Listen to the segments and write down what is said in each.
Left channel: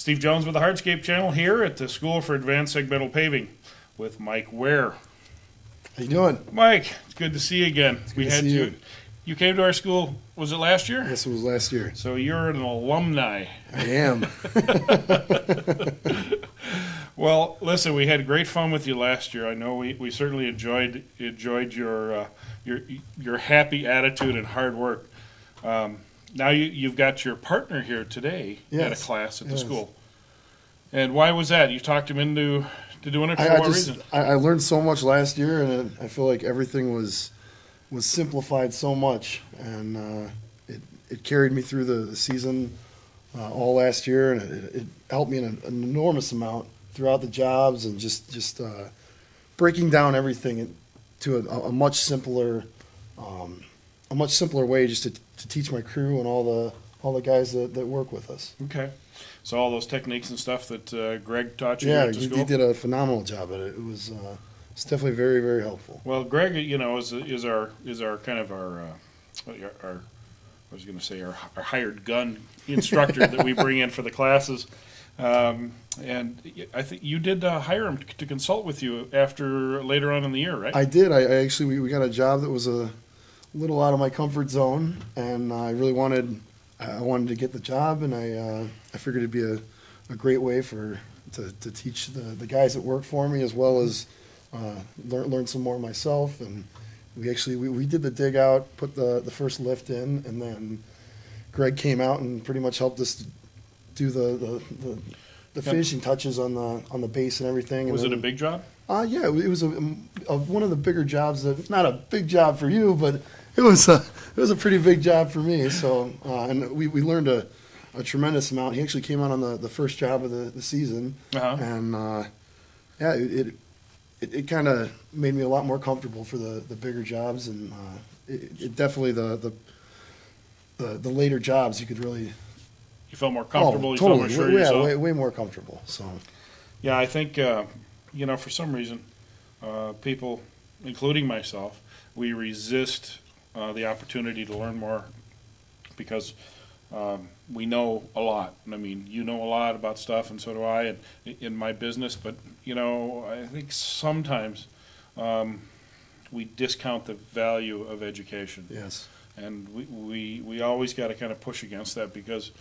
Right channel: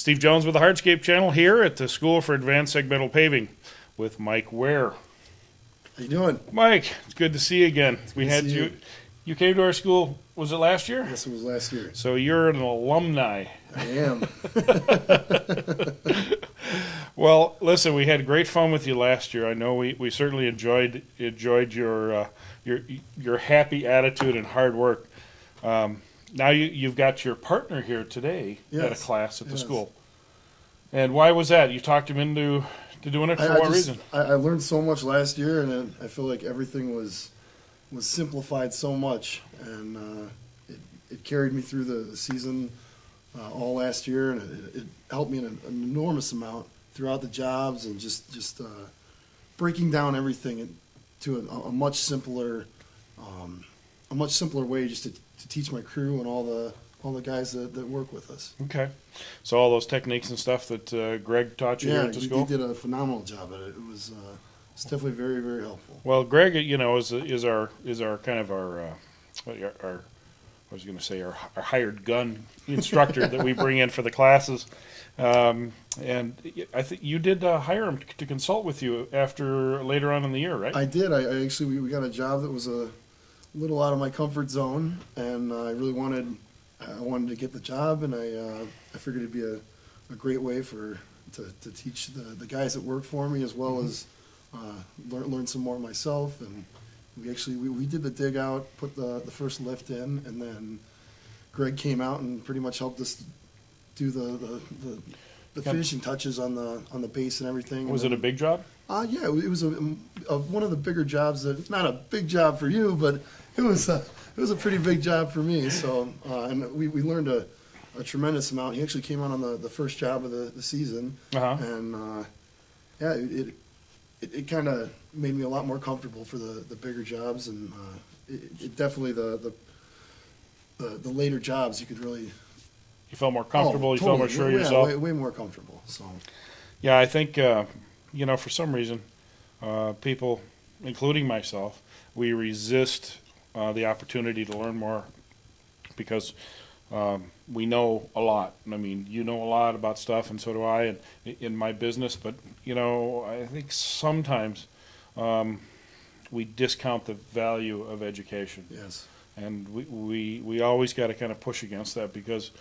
Steve Jones with the Hardscape channel here at the School for Advanced Segmental Paving with Mike Ware. How you doing? Mike, it's good to see you again. We had you. You came to our school, was it last year? Yes, it was last year. So you're an alumni. I am. Well, listen, we had great fun with you last year. I know we certainly enjoyed your happy attitude and hard work. Now you've got your partner here today at a class at the school. And why was that? You talked him into doing it for what reason? I learned so much last year, and I feel like everything was simplified so much, and it carried me through the season all last year, and it helped me in an enormous amount throughout the jobs, and just breaking down everything to a much simpler way, just to teach my crew and all the guys that work with us. Okay, so all those techniques and stuff that Greg taught you at the school? Yeah, he did a phenomenal job at it. It's definitely very, very helpful. Well, Greg, is our kind of our I was going to say our hired gun instructor that we bring in for the classes. And I think you did hire him to consult with you later on in the year, right? I did. I actually we got a job that was a little out of my comfort zone, and I really wanted to get the job, and I figured it'd be a great way to teach the guys that work for me, as well as learn some more myself. And we did the dig out, put the first lift in, and then Greg came out and pretty much helped us do the finishing touches on the base and everything. Was it a big job? Yeah, it was one of the bigger jobs. Not a big job for you, but it was a pretty big job for me. So and we learned a tremendous amount. He actually came out on the first job of the season, and it kind of made me a lot more comfortable for the bigger jobs, and it definitely the later jobs you could really. You felt more comfortable. Totally. You felt more sure of yourself. Yeah, way more comfortable. So. Yeah, I think for some reason, people, including myself, we resist the opportunity to learn more because we know a lot. I mean, you know a lot about stuff, and so do I in my business. But I think sometimes we discount the value of education. Yes. And we always got to kind of push against that because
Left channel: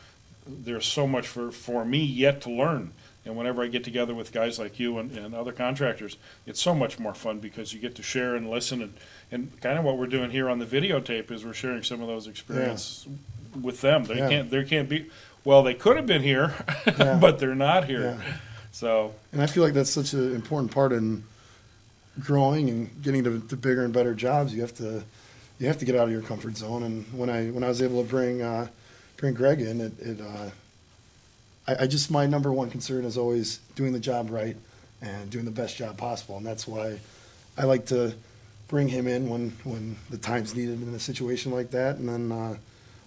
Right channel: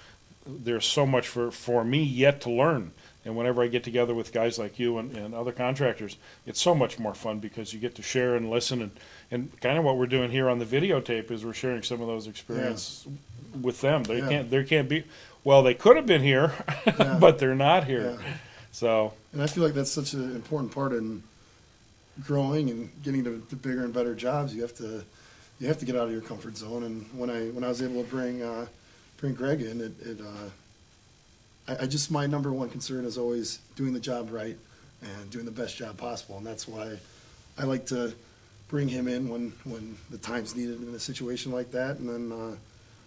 there's so much for me yet to learn. And whenever I get together with guys like you and other contractors, it's so much more fun because you get to share and listen. And kind of what we're doing here on the videotape is we're sharing some of those experiences with them. They can't be, well, they could have been here, but they're not here. Yeah. So. And I feel like that's such an important part in growing and getting to bigger and better jobs. You have to get out of your comfort zone. And when I was able to bring Greg in, my number one concern is always doing the job right and doing the best job possible, and that's why I like to bring him in when the time's needed in a situation like that. And then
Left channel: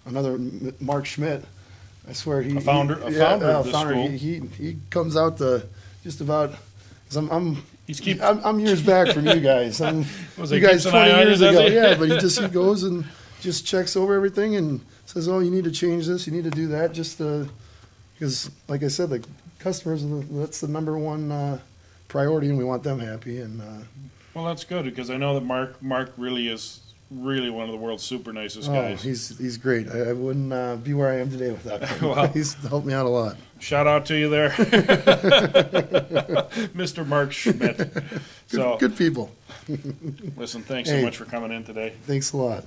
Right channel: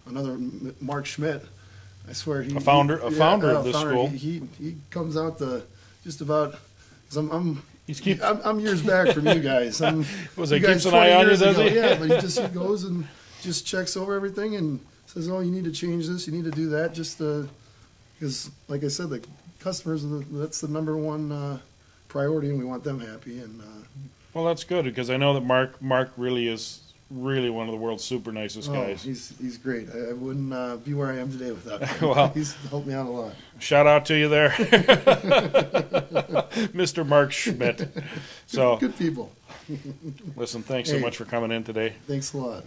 another Mark Schmidt, I swear a founder of this school. He comes out just about because I'm years back from you guys. You guys 20 years ago, but he goes and just checks over everything and says, "Oh, you need to change this, you need to do that," just because, like I said, the customers, that's the number one priority, and we want them happy. And well, that's good because I know that Mark really is one of the world's super nicest guys. He's great. I wouldn't be where I am today without him. Well, he's helped me out a lot. Shout out to you there, Mr. Mark Schmidt. Good people. Listen, thanks so much for coming in today. Thanks a lot.